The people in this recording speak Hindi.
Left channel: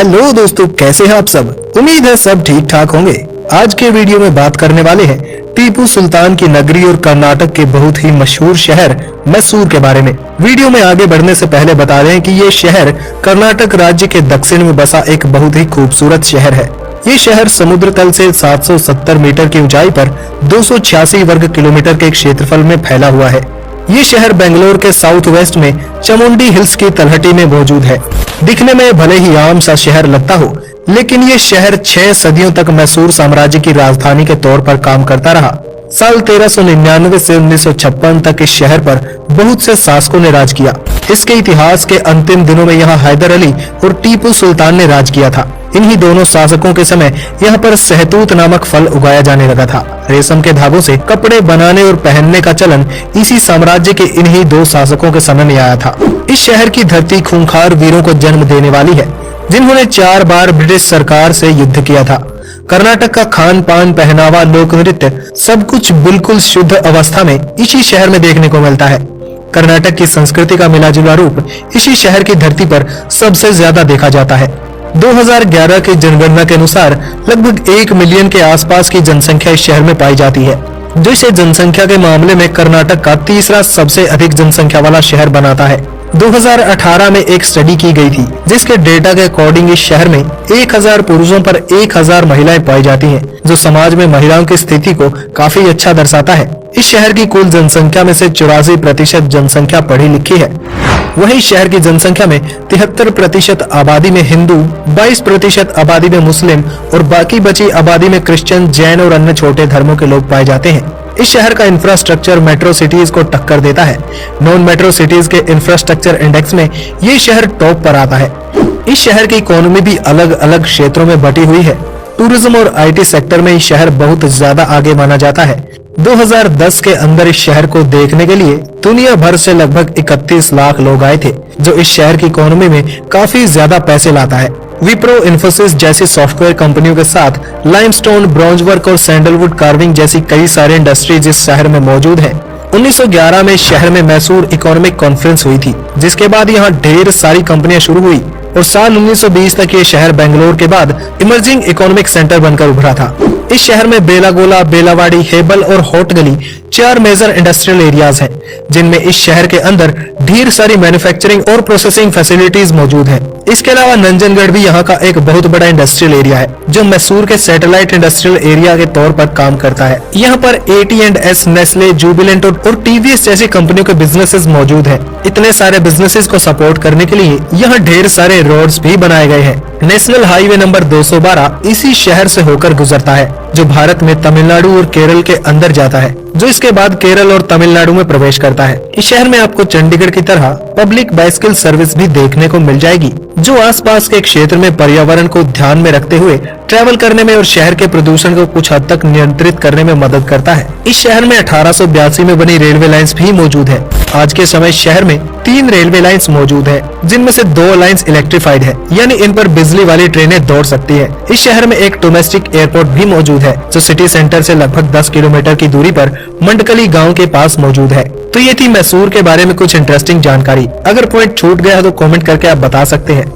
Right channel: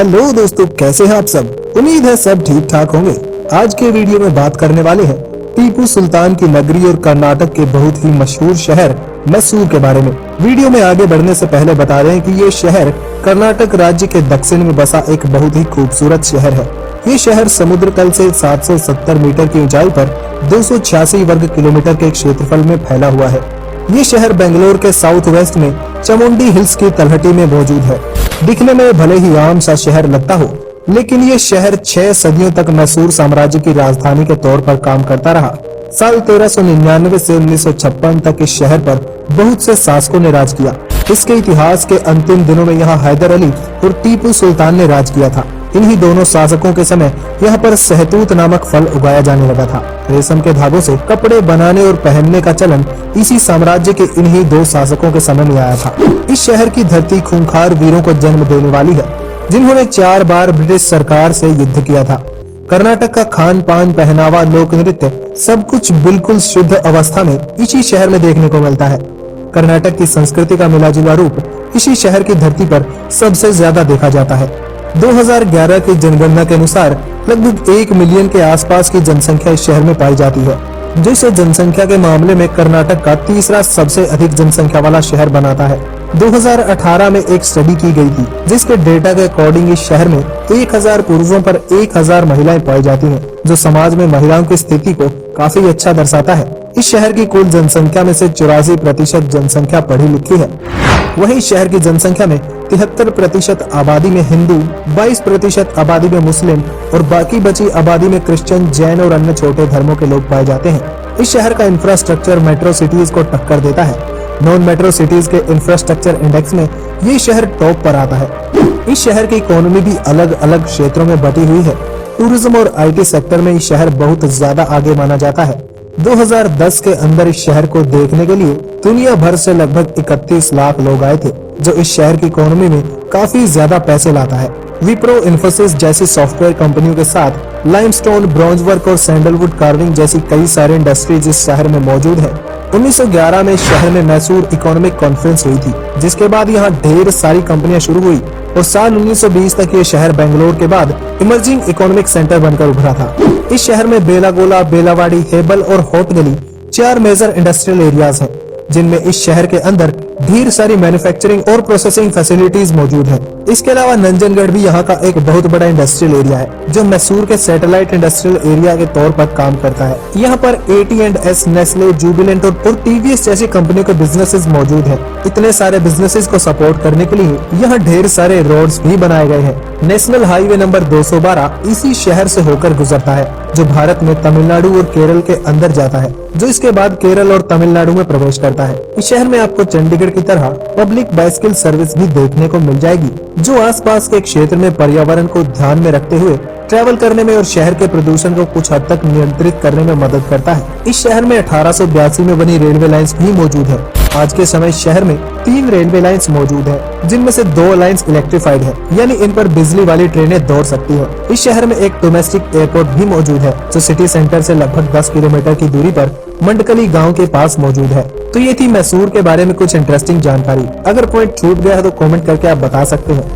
हेलो दोस्तों, कैसे हैं आप सब। उम्मीद है सब ठीक ठाक होंगे। आज के वीडियो में बात करने वाले हैं टीपू सुल्तान की नगरी और कर्नाटक के बहुत ही मशहूर शहर मैसूर के बारे में। वीडियो में आगे बढ़ने से पहले बता दें कि ये शहर कर्नाटक राज्य के दक्षिण में बसा एक बहुत ही खूबसूरत शहर है। ये शहर समुद्र तल से 770 मीटर की ऊंचाई पर 286 वर्ग किलोमीटर के क्षेत्रफल में फैला हुआ है। ये शहर बेंगलोर के साउथ वेस्ट में चामुंडी हिल्स की तलहटी में मौजूद है। दिखने में भले ही आम सा शहर लगता हो, लेकिन ये शहर 6 सदियों तक मैसूर साम्राज्य की राजधानी के तौर पर काम करता रहा। साल 1399 से 1956 तक इस शहर पर बहुत से शासकों ने राज किया। इसके इतिहास के अंतिम दिनों में यहाँ हैदर अली और टीपू सुल्तान ने राज किया था। इन्हीं दोनों शासकों के समय यहाँ पर सहतूत नामक फल उगाया जाने लगा था। रेशम के धागों से कपड़े बनाने और पहनने का चलन इसी साम्राज्य के इन्हीं 2 शासकों के समय में आया था। इस शहर की धरती खूंखार वीरों को जन्म देने वाली है, जिन्होंने 4 बार ब्रिटिश सरकार से युद्ध किया था। कर्नाटक का खान पान, पहनावा, लोक नृत्य सब कुछ बिल्कुल शुद्ध अवस्था में इसी शहर में देखने को मिलता है। कर्नाटक की संस्कृति का मिलाजुला रूप इसी शहर की धरती पर सबसे ज्यादा देखा जाता है। 2011 की जनगणना के अनुसार लगभग 1 मिलियन के आसपास की जनसंख्या इस शहर में पाई जाती है, जो इसे जनसंख्या के मामले में कर्नाटक का तीसरा सबसे अधिक जनसंख्या वाला शहर बनाता है। 2018 में एक स्टडी की गई थी, जिसके डेटा के अकॉर्डिंग इस शहर में 1000 पुरुषों पर 1000 महिलाएं पाई जाती हैं, जो समाज में महिलाओं की स्थिति को काफी अच्छा दर्शाता है। इस शहर की कुल जनसंख्या में से 84% जनसंख्या पढ़ी लिखी है। वहीं शहर की जनसंख्या में 73% आबादी में हिंदू, 22% आबादी में मुस्लिम और बाकी बची आबादी में क्रिश्चियन, जैन और अन्य छोटे धर्मों के लोग पाए जाते हैं। इस शहर का इंफ्रास्ट्रक्चर मेट्रो सिटीज को टक्कर देता है। नॉन मेट्रो सिटीज के इंफ्रास्ट्रक्चर इंडेक्स में ये शहर टॉप पर आता है। इस शहर की इकोनॉमी भी अलग अलग क्षेत्रों में बटी हुई है। टूरिज्म और IT सेक्टर में ये शहर बहुत ज्यादा आगे माना जाता है। 2010 के अंदर इस शहर को देखने के लिए दुनिया भर से लगभग 31 लाख लोग आए थे, जो इस शहर की इकोनॉमी में काफी ज्यादा पैसे लाता है। विप्रो, इन्फोसिस जैसी सॉफ्टवेयर कंपनियों के साथ लाइमस्टोन, ब्रॉन्ज वर्क और सैंडलवुड कार्विंग जैसी कई सारे इंडस्ट्रीज इस शहर में मौजूद है। 1911 में इस शहर में मैसूर इकोनॉमिक कॉन्फ्रेंस हुई थी, जिसके बाद यहाँ ढेर सारी कंपनियां शुरू हुई और साल 1920 तक ये शहर बेंगलोर के बाद इमर्जिंग इकोनॉमिक सेंटर बनकर उभरा था। इस शहर में बेलागोला, बेलावाड़ी, हेबल और होट गली 4 मेजर इंडस्ट्रियल एरियाज हैं, जिनमें इस शहर के अंदर ढेर सारी मैन्युफैक्चरिंग और प्रोसेसिंग फैसिलिटीज मौजूद हैं। इसके अलावा नंजनगढ़ भी यहाँ का एक बहुत बड़ा इंडस्ट्रियल एरिया है, जो मैसूर के सैटेलाइट इंडस्ट्रियल एरिया के तौर पर काम करता है। यहाँ पर AT&S, नेस्ले, जुबिलेंट और TVS जैसी कंपनियों के बिजनेसेस मौजूद हैं। इतने सारे बिजनेसेस को सपोर्ट करने के लिए यहाँ ढेर सारे रोड्स भी बनाए गए हैं। नेशनल हाईवे नंबर 212 इसी शहर से होकर गुजरता है, जो भारत में तमिलनाडु और केरल के अंदर जाता है, जो इसके बाद केरल और तमिलनाडु में प्रवेश करता है। इस शहर में आपको चंडीगढ़ की तरह पब्लिक बाइसिकल सर्विस भी देखने को मिल जाएगी, जो आसपास के क्षेत्र में पर्यावरण को ध्यान में रखते हुए ट्रैवल करने में और शहर के प्रदूषण को कुछ हद तक नियंत्रित करने में मदद करता है। इस शहर में 1882 में बनी रेलवे लाइंस भी मौजूद है। आज के समय शहर में 3 रेलवे लाइंस मौजूद है, जिनमें से 2 लाइंस इलेक्ट्रिफाइड है, यानी इन पर बिजली वाली ट्रेनें दौड़ सकती है। इस शहर में एक डोमेस्टिक एयरपोर्ट भी मौजूद है, जो सिटी सेंटर से लगभग 10 किलोमीटर की दूरी पर मंडकली गांव के पास मौजूद है। तो ये थी मैसूर के बारे में कुछ इंटरेस्टिंग जानकारी। अगर पॉइंट छूट गया है तो कमेंट करके आप बता सकते हैं।